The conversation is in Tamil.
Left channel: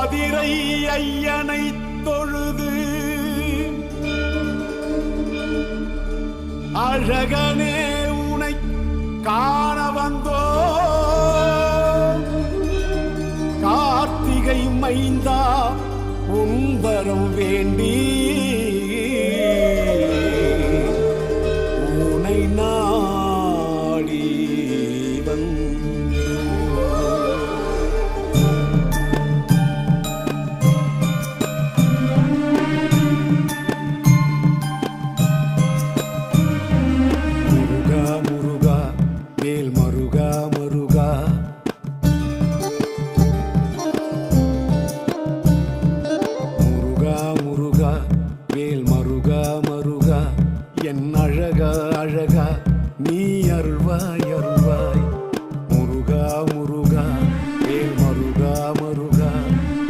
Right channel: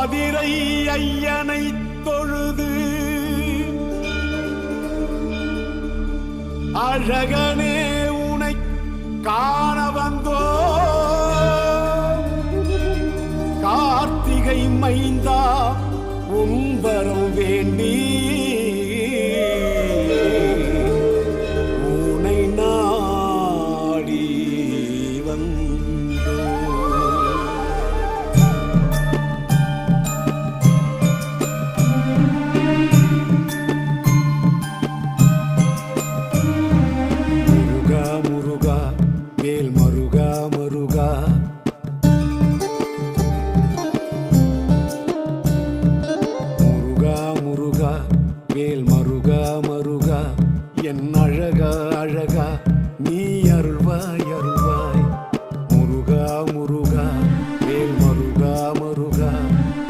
அதிரை ஐயனை தொழுது அழகனே உனை காண வந்தோ கார்த்திகை மைந்தா உன்பரம் வேண்டி உனை நாடி வந்தோ. முருகா முருகா வேல் மருகா மருகா முருகா முருகா வேல் மருகா மருகா என் அழகா அழகா நீ அருள்வாய் அருள்வாய் முருகா முருகா வேல் மருகா மருகா.